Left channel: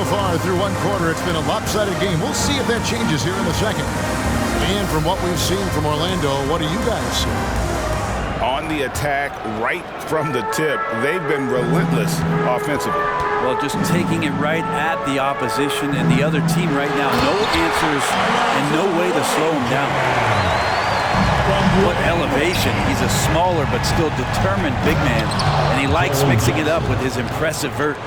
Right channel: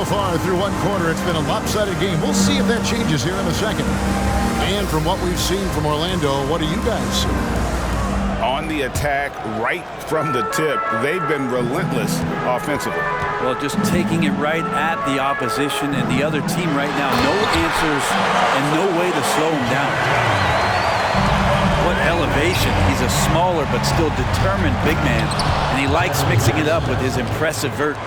So far through one quarter, it's been a lopsided game. We'll see if that changes here in the second. And from what we've seen from Orlando, what do you guys see? On the attack, right from the tip, they've been relentless offensively. Well, just taking it right at the opposition and the other team right now. No answers and no way to slow them down. What elevation. He's a smaller but still determined big man, and he likes mixing it up with his impressive vert.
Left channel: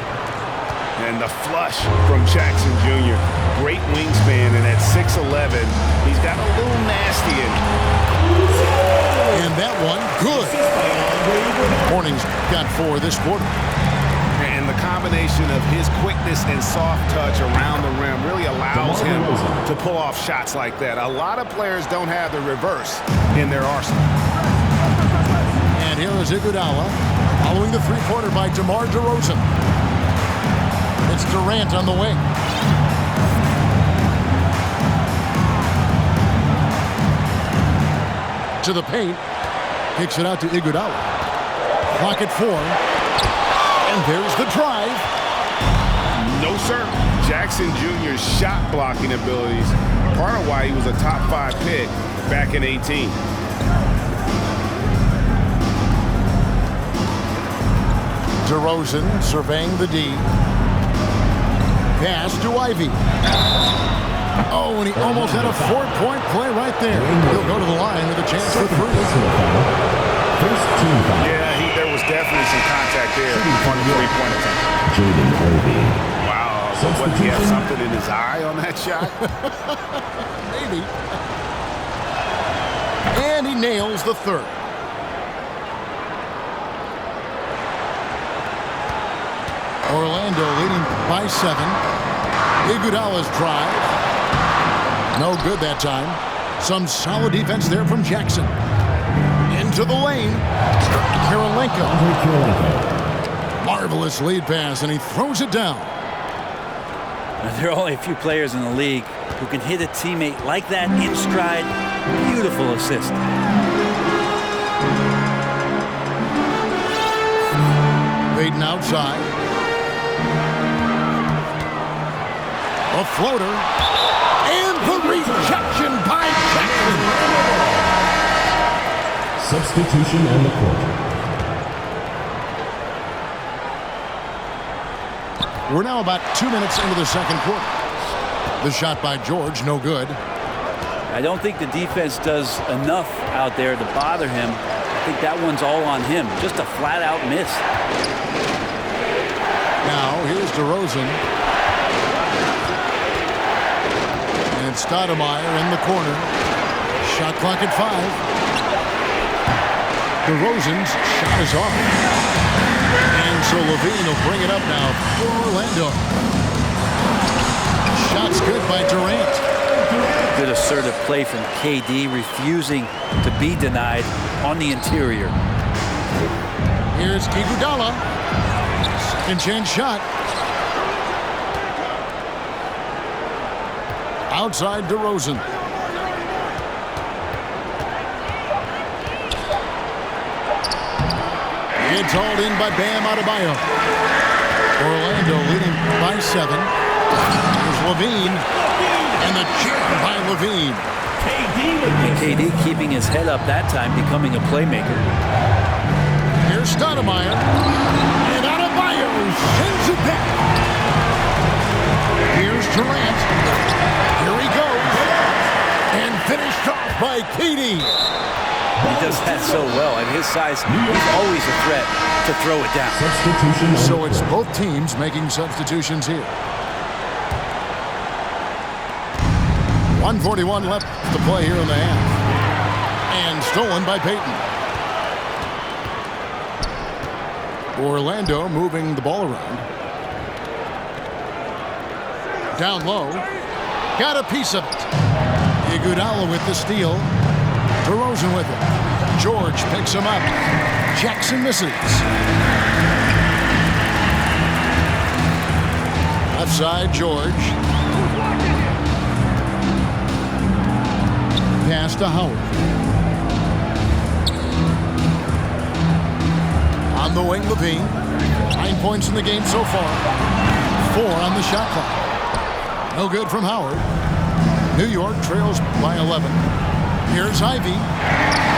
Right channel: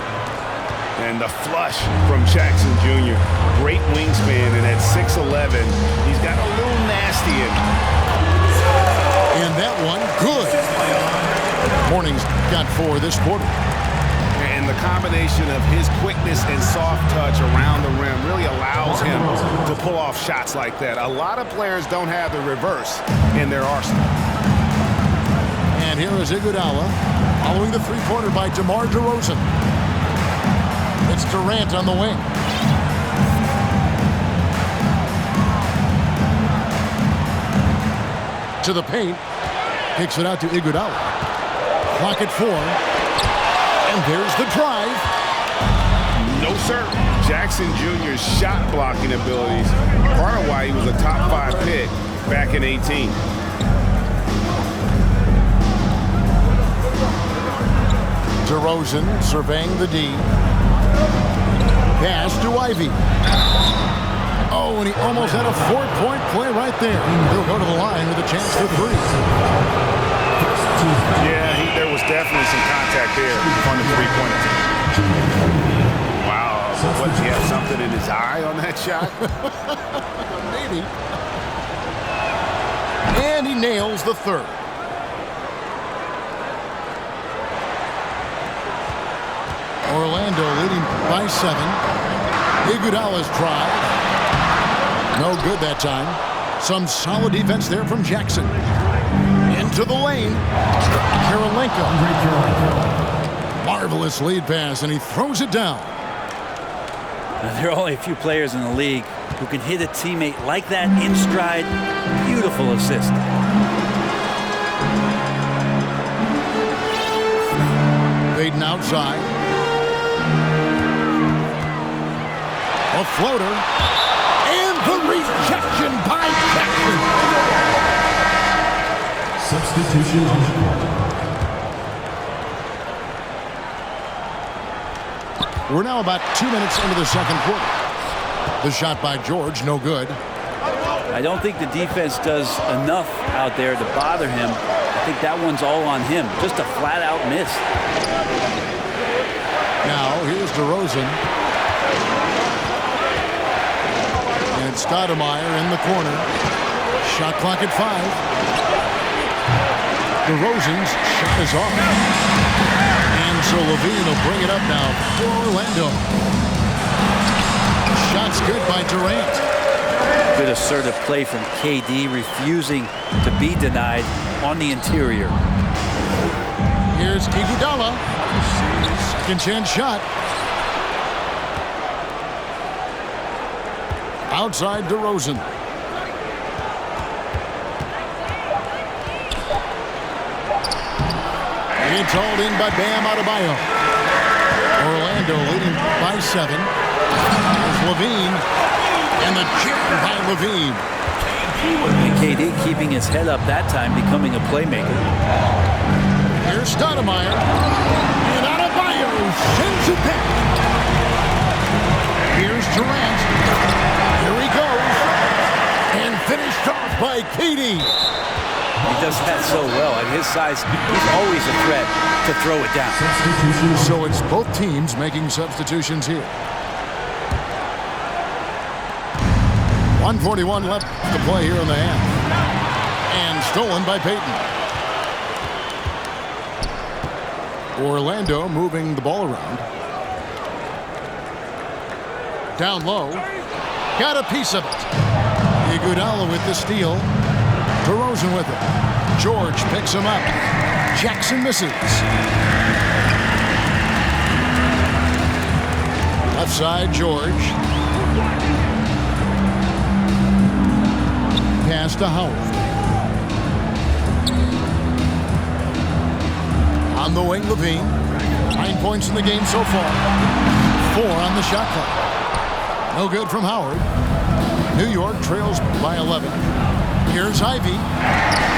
And the flush from Jackson Jr. Great wingspan, and at 6'11", he's got a little nasty in him. And that one, good. Morning's got 4 this quarter. And the combination of his quickness and soft touch around the rim really allows him to pull off shots like that. A lot of players don't have the reverse in their arsenal. And here is Iguodala following the three-pointer by DeMar DeRozan. It's Durant on the wing. To the paint. Kicks it out to Iguodala. Clock at 4. And there's the drive. No, sir. Jackson Jr.'s shot blocking abilities, part of why he was a top 5 pick back in 18. DeRozan surveying the D. Pass to Ivy. Oh, and he almost had a 4-point play right there. He'll go to the line with a chance for 3. Yeah, there was definitely some contact there on the three-point attempt. Wow, what, did he have something in his eye on that shot? Maybe. And he nails the 3rd. Orlando leading by 7. Iguodala's drive. No good that time. Some solid defense there from Jackson. Into the lane. Karolinko. Marvelous lead pass, and he throws it down. Now, there are only a few players in the league who can hit a teammate like that in stride. Beautiful assist. Baden outside. A floater. And the rejection by Jackson. Substitution on the court. We're now about 2 minutes into the second quarter. The shot by George, no good. I don't think the defense does enough out there to bother him. I think that one's all on him. Just a flat-out miss. Now, here's DeRozan. And Stoudemire in the corner. Shot clock at 5. DeRozan's shot is off. And so Levine will bring it up now for Orlando. Shot's good by Durant. Good assertive play from KD, refusing to be denied on the interior. Here's Iguodala. Second chance shot. Outside DeRozan. It's hauled in by Bam Adebayo. Orlando leading by 7. Here's Levine. And the jam by Levine. And KD keeping his head up that time, becoming a playmaker. Here's Stoudemire. And Adebayo sends it back. Here's Durant. Here he goes. And finished off by KD. He does that so well. At his size, he's always a threat to throw it down. So it's both teams making substitutions here. 1:41 left to play here in the half. And stolen by Payton. Orlando moving the ball around. Down low. Got a piece of it. Iguodala with the steal. DeRozan with it. George picks him up. Jackson misses. Left side, George. Pass to Howard. On the wing, Levine. 9 points in the game so far. 4 on the shot clock. No good from Howard. New York trails by 11. Here's Ivy.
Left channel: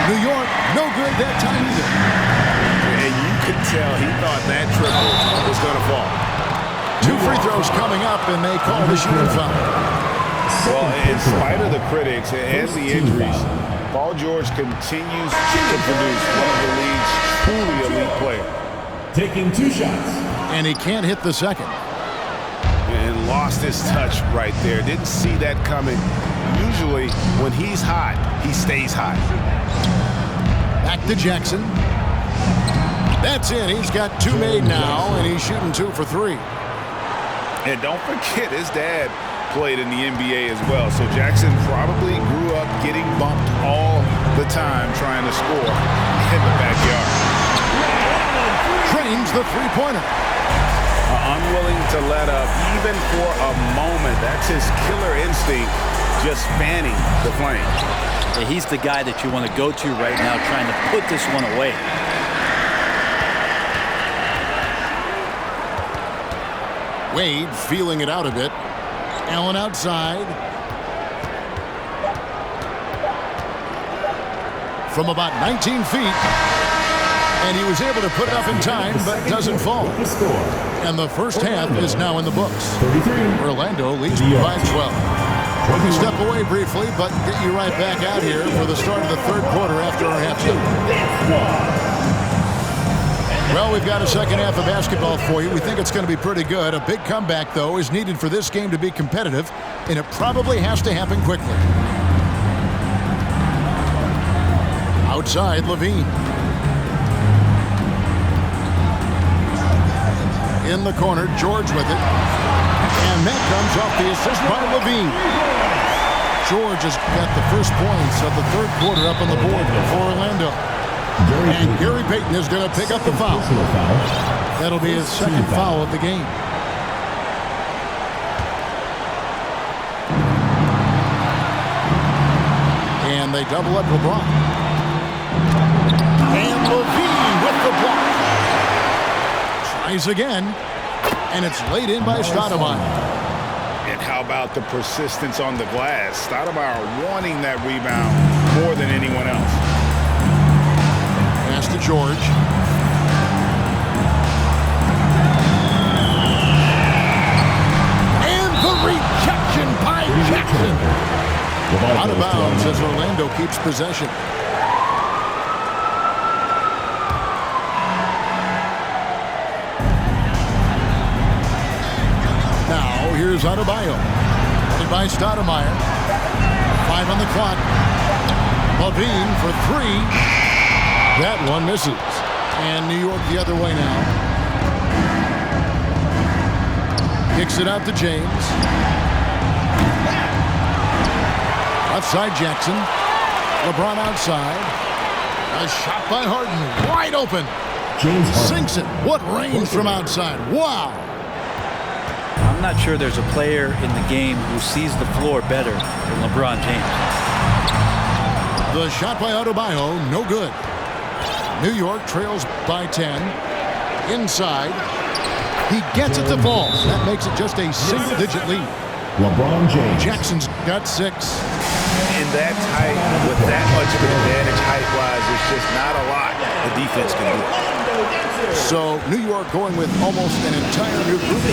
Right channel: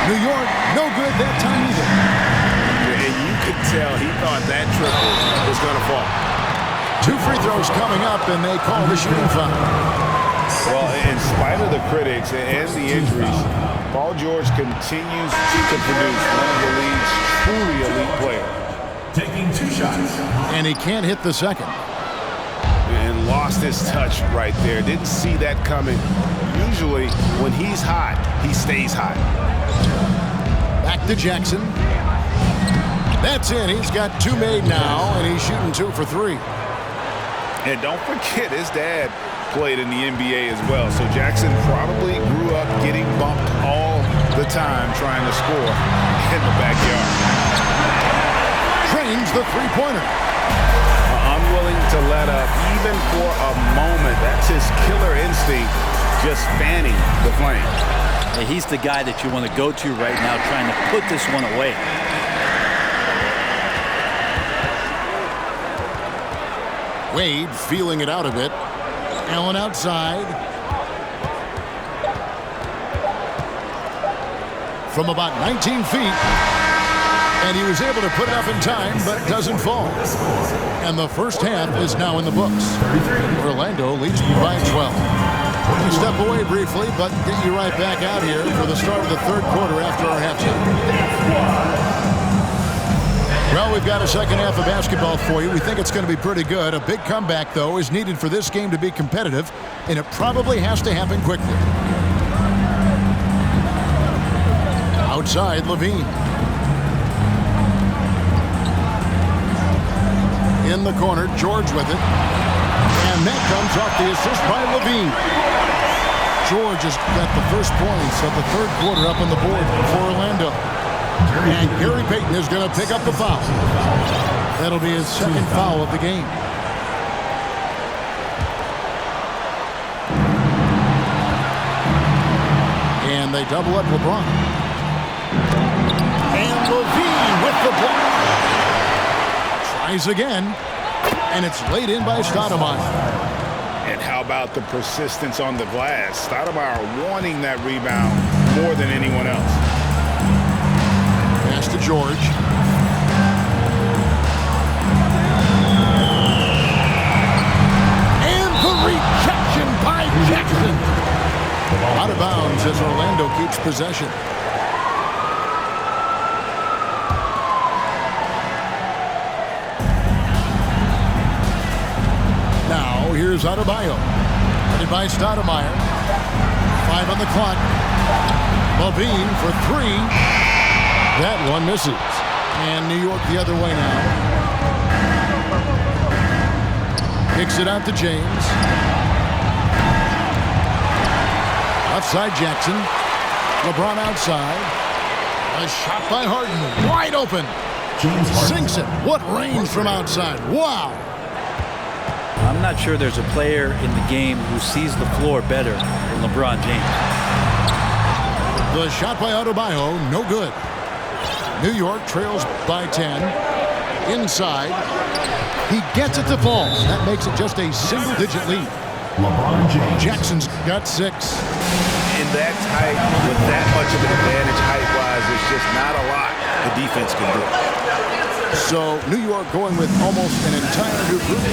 New York, no good that time either. And you could tell he thought that triple was going to fall. 2 free throws coming up, and they call the shooting foul. Well, in spite of the critics and the injuries, Paul George continues to produce one of the league's truly elite players. Taking 2 shots. And he can't hit the second. And lost his touch right there. Didn't see that coming. Usually, when he's hot, he stays hot. Back to Jackson. That's it. He's got 2 made now, and he's shooting 2 for 3. And don't forget, his dad played in the NBA as well. So Jackson probably grew up getting bumped all the time trying to score in the backyard. Trains the three-pointer. Unwilling to let up even for a moment. That's his killer instinct, just fanning the flame. Yeah, he's the guy that you want to go to right now trying to put this one away. Wade feeling it out a bit. Allen outside. From about 19 feet. And he was able to put it up in time, but doesn't fall. And the first half is now in the books. Orlando leads by 12. We'll step away briefly, but get you right back out here for the start of the third quarter after our halftime. Well, we've got a second half of basketball for you. We think it's going to be pretty good. A big comeback, though, is needed for this game to be competitive, and it probably has to happen quickly. Outside, Levine. In the corner, George with it. And that comes off the assist by Levine. George has got the first points of the third quarter up on the board for Orlando. And Gary Payton is going to pick up the foul. That'll be his second foul of the game. And they double up LeBron. And Levine with the block. Tries again. And it's laid in by Stoudemire. And how about the persistence on the glass? Stoudemire wanting that rebound more than anyone else. Pass to George. And the rejection by Jackson. Out of bounds as Orlando keeps possession. Now here's Adebayo. Headed by Stoudemire. 5 on the clock. Levine for 3. That one misses. And New York the other way now. Kicks it out to James. Outside Jackson. LeBron outside. A shot by Harden. Wide open. James Harden. Sinks it. What range from outside. Wow. I'm not sure there's a player in the game who sees the floor better than LeBron James. The shot by Adebayo, no good. New York trails by 10. Inside. He gets it to fall. That makes it just a single-digit lead. LeBron James. Jackson's got 6. In that tight, with that much of an advantage height-wise, there's just not a lot the defense can do. So New York going with almost an entire new group.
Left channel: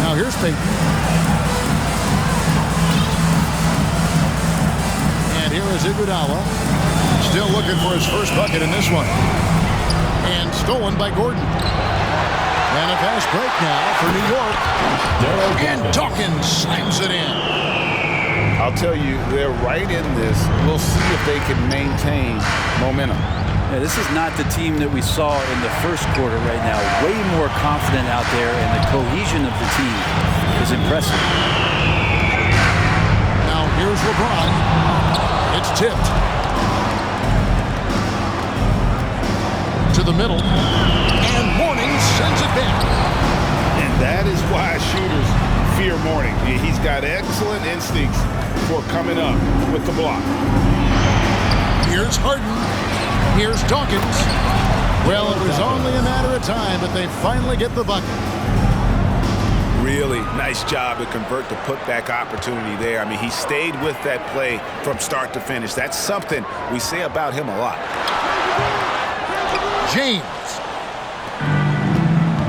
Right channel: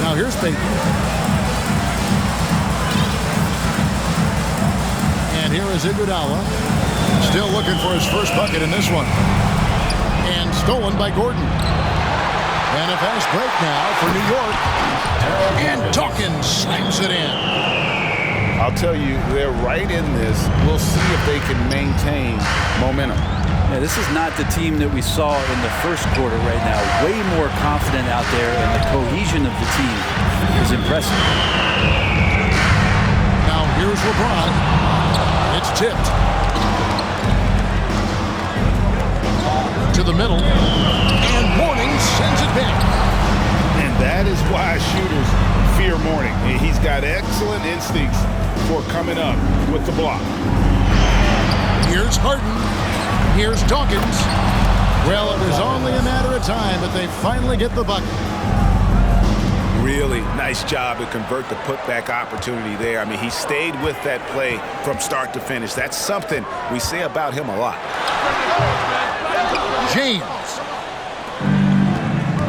Now here's Payton. And here is Iguodala. Still looking for his first bucket in this one. And stolen by Gordon. And a fast break now for New York. And Dawkins slams it in. I'll tell you, they're right in this. We'll see if they can maintain momentum. Yeah, this is not the team that we saw in the first quarter right now. Way more confident out there, and the cohesion of the team is impressive. Now here's LeBron. It's tipped. To the middle. And Mourning sends it back. And that is why shooters fear Mourning. He's got excellent instincts for coming up with the block. Here's Harden. Here's Dawkins. Well, it was only a matter of time, but they finally get the bucket. Really nice job to convert the putback opportunity there. I mean, he stayed with that play from start to finish. That's something we say about him a lot. James.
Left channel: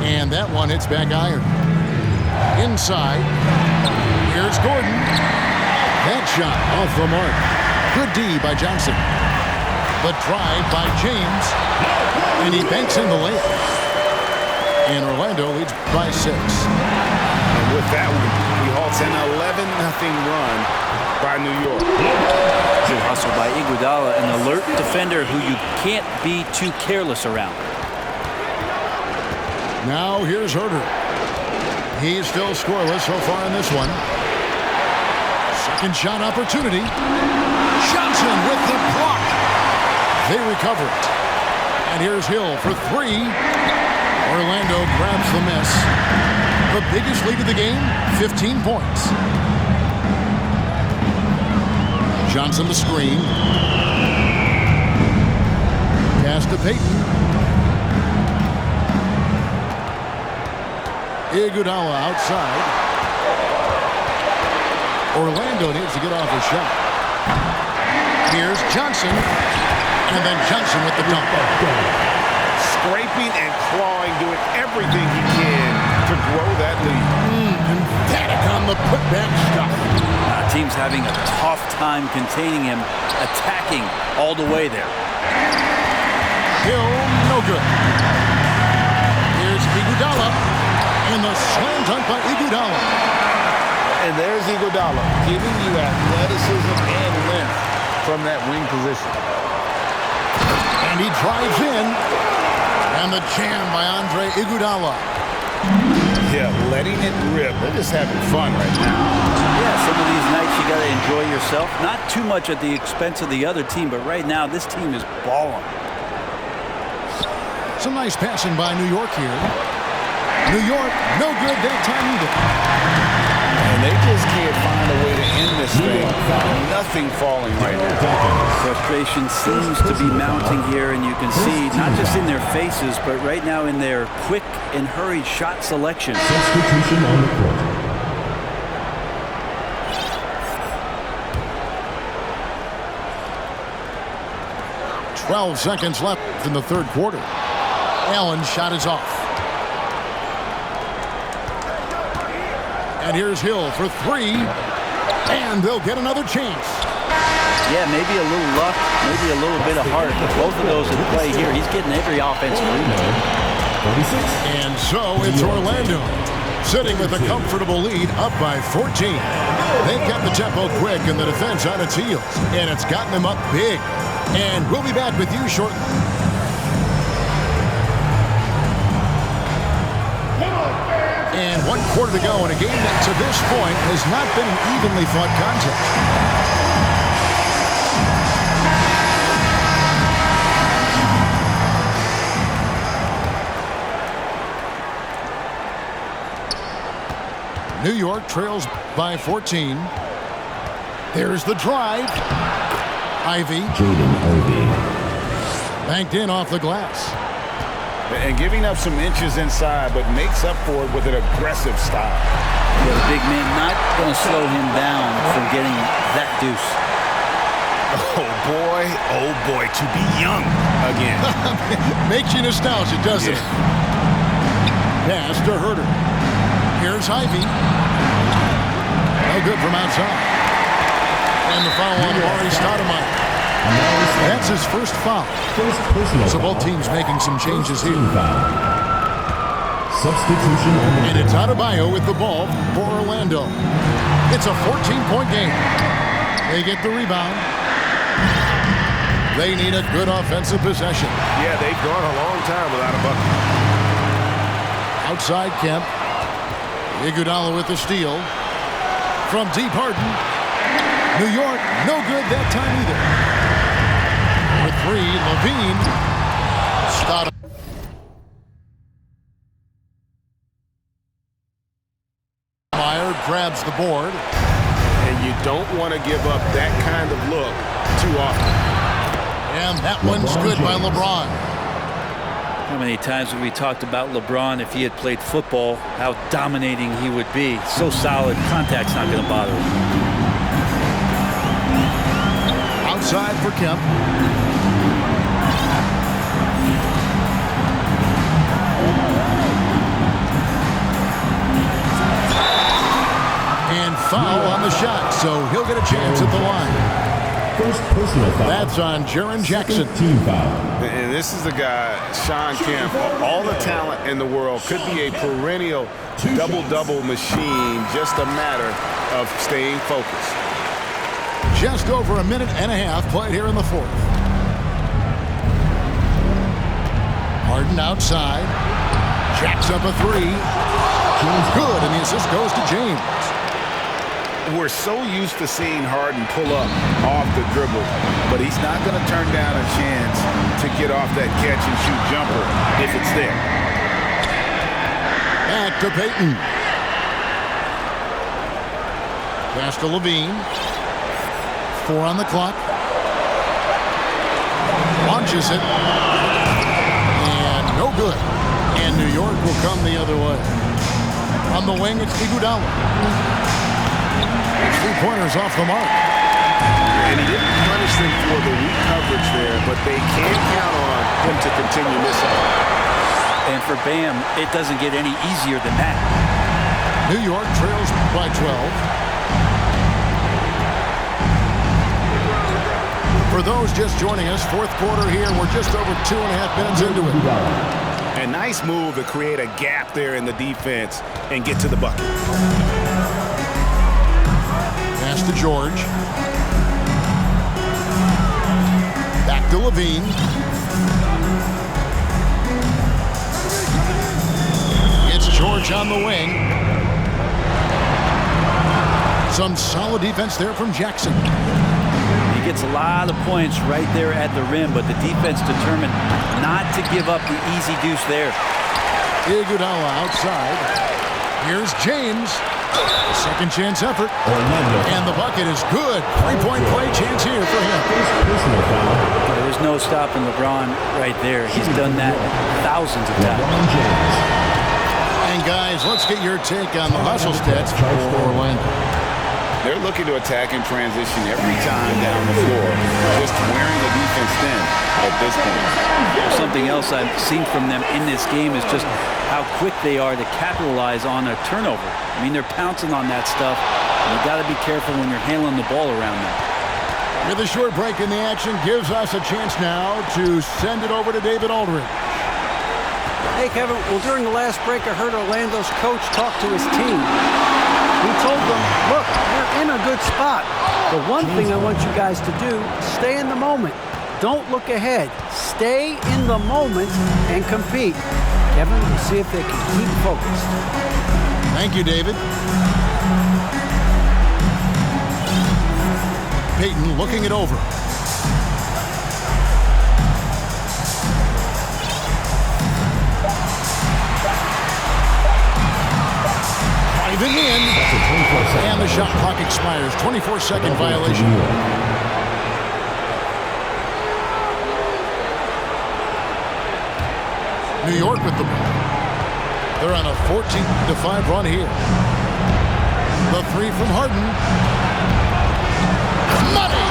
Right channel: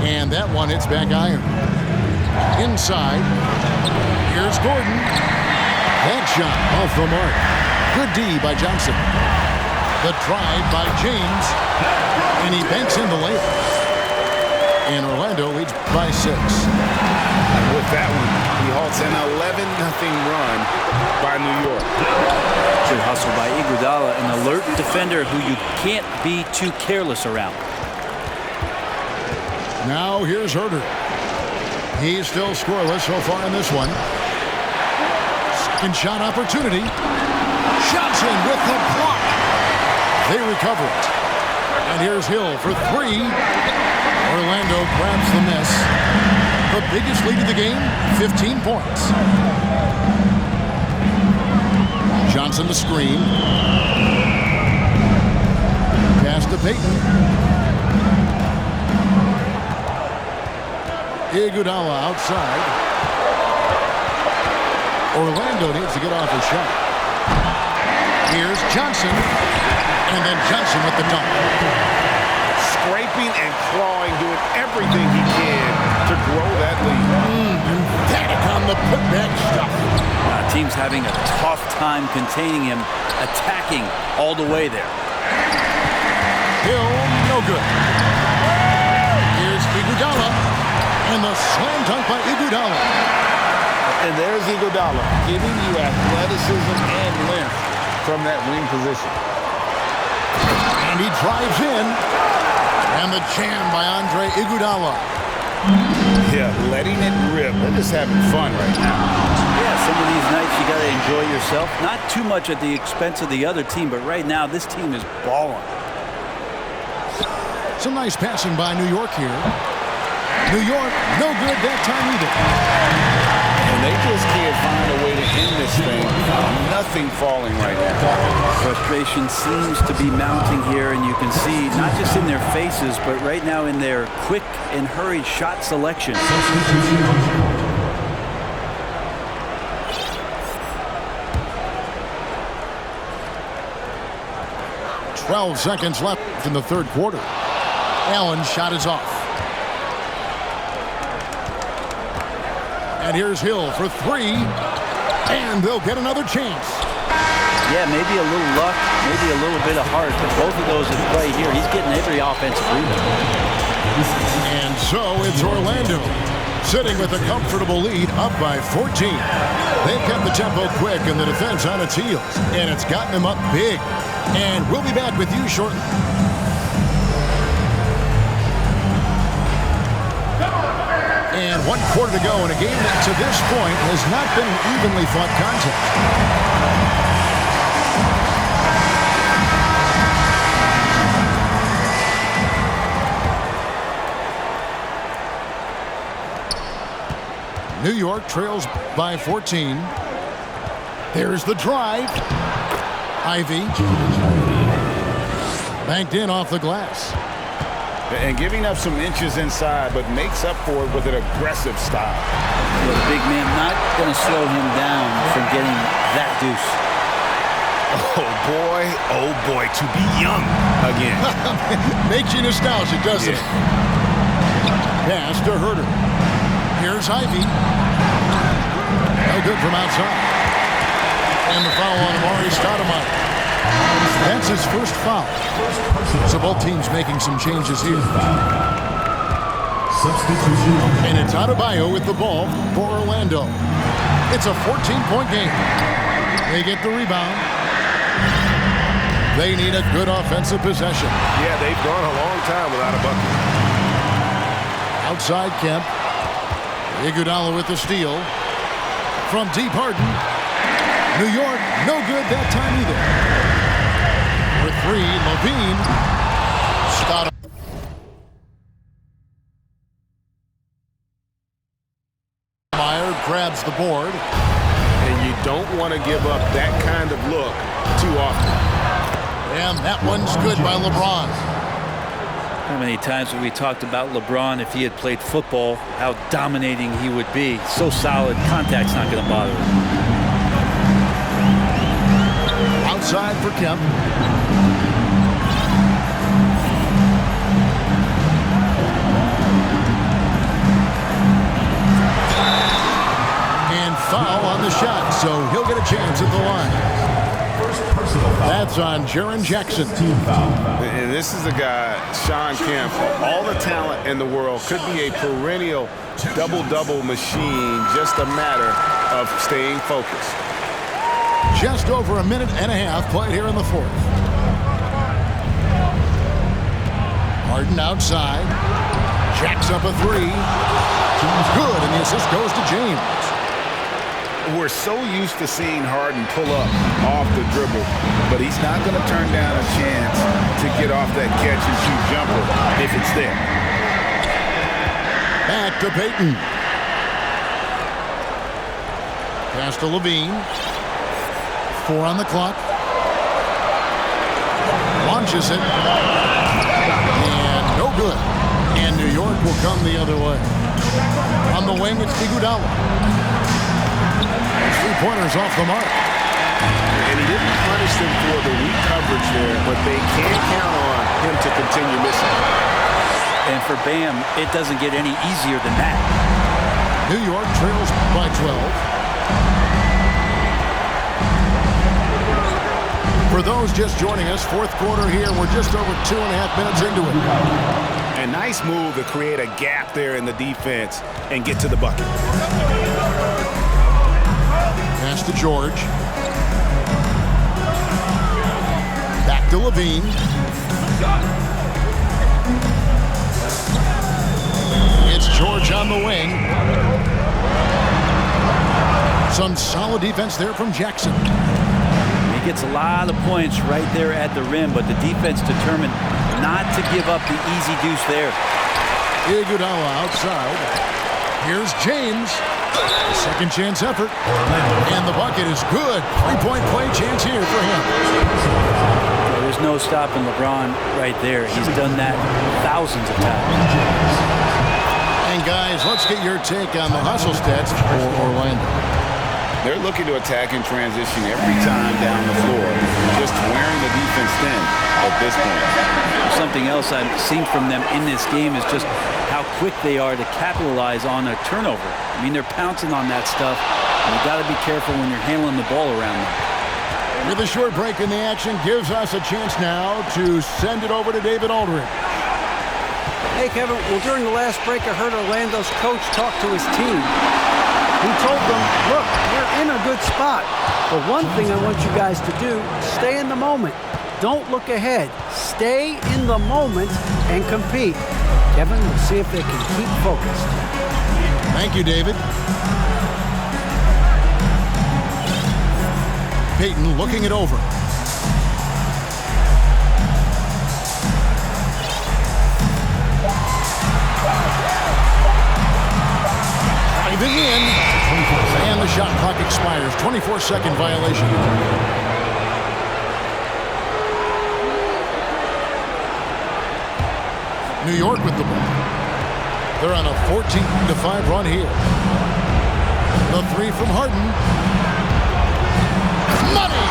And that one hits back iron. Inside. Here's Gordon. That shot off the mark. Good D by Johnson. The drive by James. And he banks in the layup. And Orlando leads by 6. And with that one, he halts an 11-0 run by New York. Good hustle by Iguodala, an alert defender who you can't be too careless around. Now here's Herter. He's still scoreless so far in this one. Second shot opportunity. Johnson with the block. They recover it. And here's Hill for 3. Orlando grabs the miss. The biggest lead of the game, 15 points. Johnson the screen. Pass to Payton. Iguodala outside. Orlando needs to get off his shot. Here's Johnson. And then Johnson with the dunk. Scraping and clawing, doing everything he can to grow that lead. Emphatic on the putback stuff. Team's having a tough time containing him, attacking all the way there. Hill, no good. Here's Iguodala. And the slam dunk by Iguodala. And there's Iguodala, giving you athleticism and length from that wing position. And he drives in. And the jam by Andre Iguodala. Yeah, letting it rip. They're just having fun right now. Yeah, some of these nights you got to enjoy yourself. Not too much at the expense of the other team, but right now this team is balling. Some nice passing by New York here. New York, no good that time either. And they just can't find a way to end this thing. Nothing falling right now. Frustration seems to be mounting here, and you can see not just in their faces, but right now in their quick and hurried shot selection. Substitution on the court. 12 seconds left in the third quarter. Allen's shot is off. And here's Hill for 3. And they'll get another chance. Yeah, maybe a little luck, maybe a little bit of heart. Both of those at play here. He's getting every offensive rebound. And so it's Orlando sitting with a comfortable lead, up by 14. They've kept the tempo quick and the defense on its heels. And it's gotten them up big. And we'll be back with you shortly. And 1 quarter to go in a game that to this point has not been an evenly fought contest. New York trails by 14. There's the drive. Ivy. Banked in off the glass. And giving up some inches inside, but makes up for it with an aggressive style. Yeah, the big man not going to slow him down from getting that deuce. Oh boy, to be young again. Makes you nostalgic, doesn't it? Pass to Herter. Here's Ivy. No good from outside. And the foul on Amari Stoudemire. That's his first foul. So both teams making some changes here. Substitution on the And it's Adebayo with the ball for Orlando. It's a 14-point game. They get the rebound. They need a good offensive possession. Yeah, they've gone a long time without a bucket. Outside Kemp. Iguodala with the steal. From deep Harden. New York, no good that time either. For 3, Levine. Stoudemire grabs the board. And you don't want to give up that kind of look too often. And that one's good by LeBron. How many times have we talked about LeBron, if he had played football, how dominating he would be. So solid, contact's not going to bother him. Outside for Kemp. And foul on the shot, so he'll get a chance at the line. First personal foul. That's on Jaren Jackson. Team foul. And this is the guy, Shawn Kemp, all the talent in the world, could be a perennial double-double machine, just a matter of staying focused. Just over a minute and a half played here in the fourth. Harden outside. Jacks up a three. Good, and the assist goes to James. We're so used to seeing Harden pull up off the dribble, but he's not going to turn down a chance to get off that catch-and-shoot jumper if it's there. Back to Payton. Pass to Levine. 4 on the clock. Launches it. And no good. And New York will come the other way. On the wing, it's Iguodala. Three-pointers off the mark. And he didn't punish them for the weak coverage there, but they can't count on him to continue missing. And for Bam, it doesn't get any easier than that. New York trails by 12. For those just joining us, fourth quarter here. We're just over 2.5 minutes into it. A nice move to create a gap there in the defense and get to the bucket. Pass to George. Back to Levine. It's George on the wing. Some solid defense there from Jackson. He gets a lot of points right there at the rim, but the defense determined not to give up the easy deuce there. Iguodala outside. Here's James. Second chance effort. And the bucket is good. Three-point play chance here for him. Yeah, there's no stopping LeBron right there. He's done that thousands of times. And guys, let's get your take on the hustle stats for Orlando. They're looking to attack in transition every time down the floor, just wearing the defense thin at this point. Something else I've seen from them in this game is just how quick they are to capitalize on a turnover. I mean, they're pouncing on that stuff, and you got to be careful when you're handling the ball around them. With a short break in the action, gives us a chance now to send it over to David Aldridge. Hey, Kevin. Well, during the last break, I heard Orlando's coach talk to his team. He told them, look, we're in a good spot. The one thing I want you guys to do, stay in the moment. Don't look ahead. Stay in the moment and compete. Kevin, we'll see if they can keep focused. Thank you, David. Payton looking it over. Driving in. And the shot clock expires. 24-second violation. New York with the ball. They're on a 14-5 run here. The three from Harden. Money!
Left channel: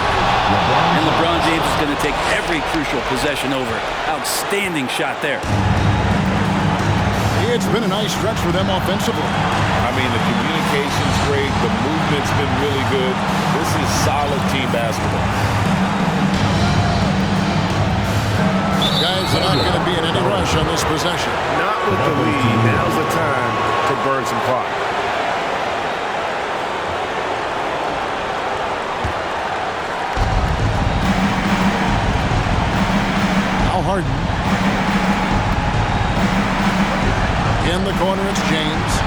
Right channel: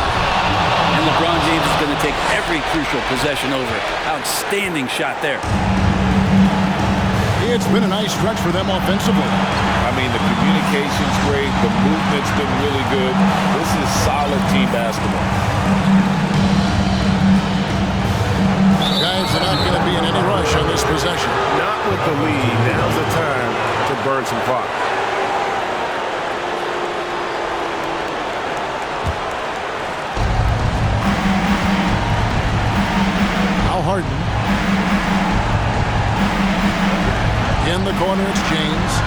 And LeBron James is going to take every crucial possession over. Outstanding shot there. It's been a nice stretch for them offensively. I mean, the communication's great. The movement's been really good. This is solid team basketball. Guys are not going to be in any rush on this possession. Not with the lead. Now's the time to burn some clock. Now Harden. In the corner, it's James.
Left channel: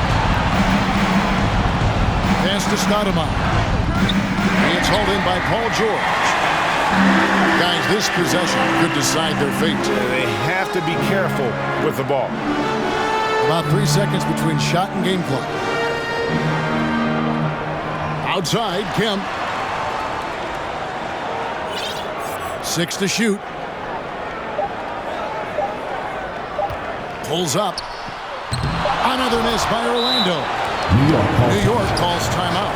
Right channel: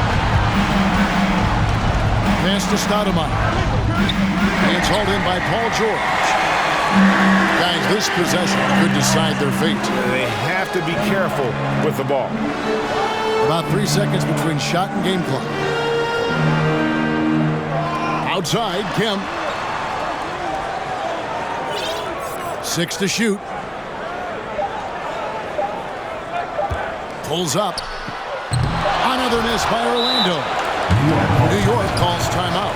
Pass to Stoudemire. It's hauled in by Paul George. Guys, this possession could decide their fate. They have to be careful with the ball. About 3 seconds between shot and game clock. Outside, Kemp. 6 to shoot. Pulls up. Another miss by Orlando. New York calls timeout.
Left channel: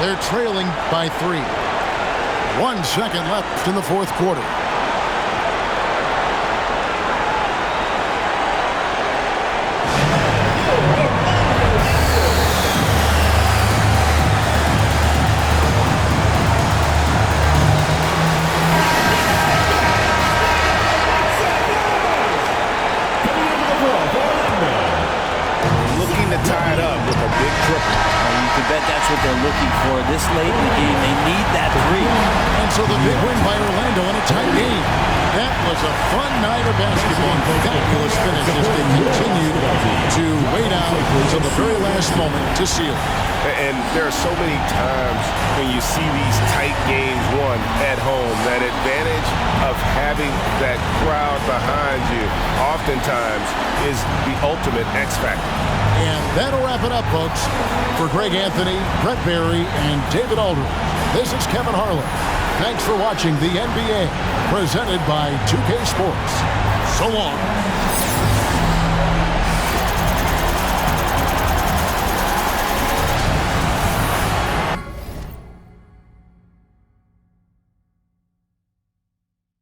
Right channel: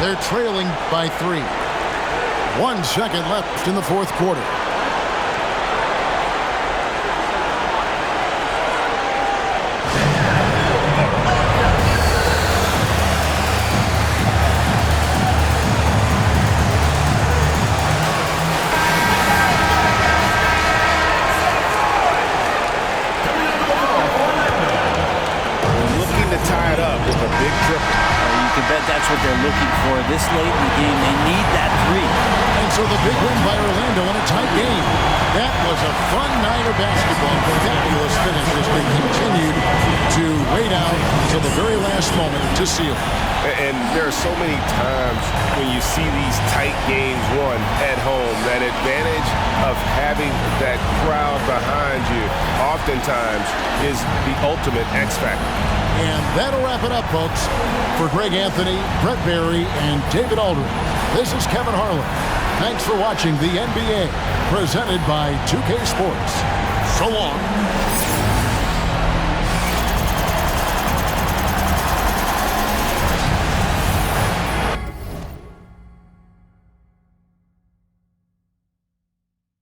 They're trailing by 3. 1 second left in the fourth quarter. Looking to tie it up with a big triple. You can bet that's what they're looking for this late in the game. They need that 3. And so the big win by Orlando in a tight game. That was a fun night of basketball and fabulous finish as they continued to wait out until the very last moment to seal it. And there are so many times when you see these tight games won at home, that advantage of having that crowd behind you oftentimes is the ultimate X factor. And that'll wrap it up, folks. For Greg Anthony, Brett Barry, and David Aldridge, this is Kevin Harlan. Thanks for watching the NBA, presented by 2K Sports. So long.